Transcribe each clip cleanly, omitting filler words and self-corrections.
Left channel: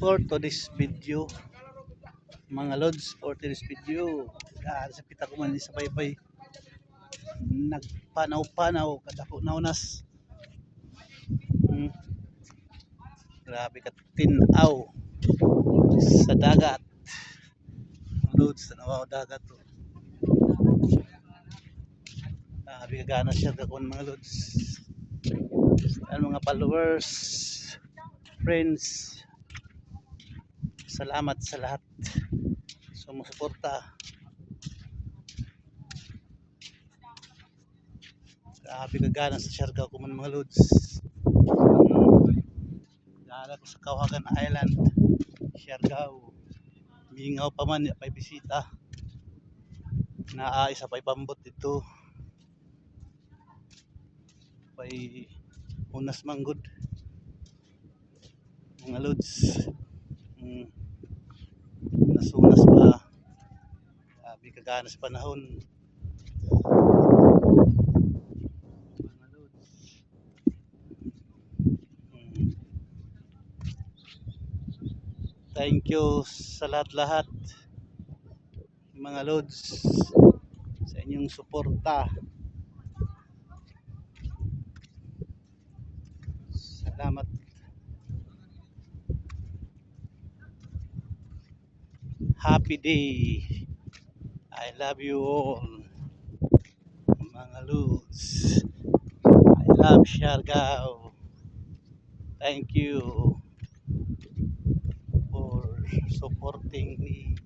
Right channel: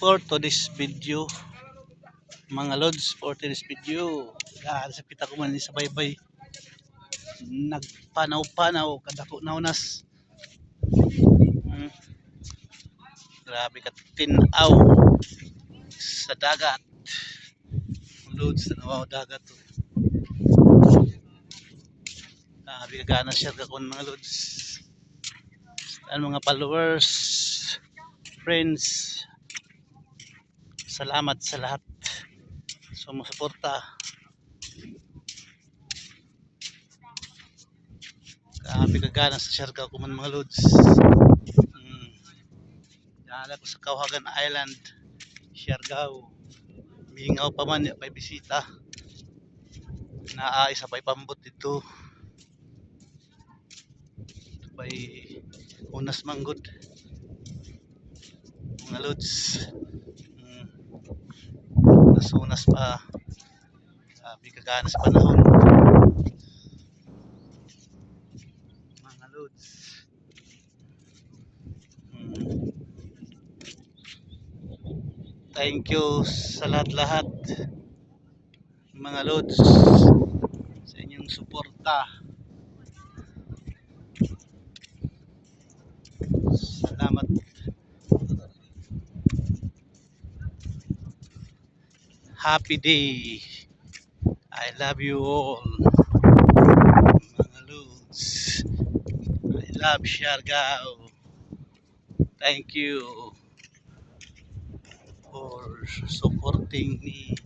for today's video, mga lods, for today's video. Sa pita ko man sa baybay, nagpanaw-panaw kadako naunas. Grabe ka tinaw sa dagat. Lods na nawaw dagat to. Grabe ka gana share ka kon mga lods. Mga followers, friends, salamat sa lahat sumusuporta. Grabe ka gana sa share ka ko man mga lods. Dala ko sa Kawagan Island, Siargao. Mingaw pa man may bisita. Naa isa pay pambot dito. Pay unas manggod. Mga lods. Unas pa. Sabi kagana sa panahon. Mga lods. Thank you sa lahat-lahat mga lods sa inyong suporta. Salamat. Happy day. I love you all mga lods. I love Siargao. Thank you for supporting me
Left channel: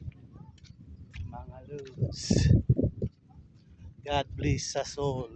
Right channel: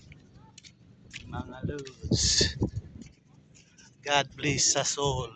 mga lods. God bless us all.